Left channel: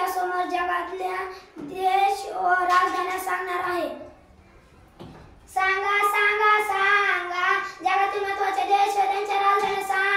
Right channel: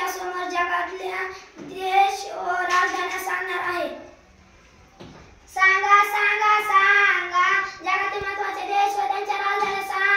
तुमच्या समोर जगातल्या देश व राजधान्या सांगणार आहे. सांगा सांगा सांगा जगातील महत्त्वाचे देश व त्यांच्या राजधान्या सांगा.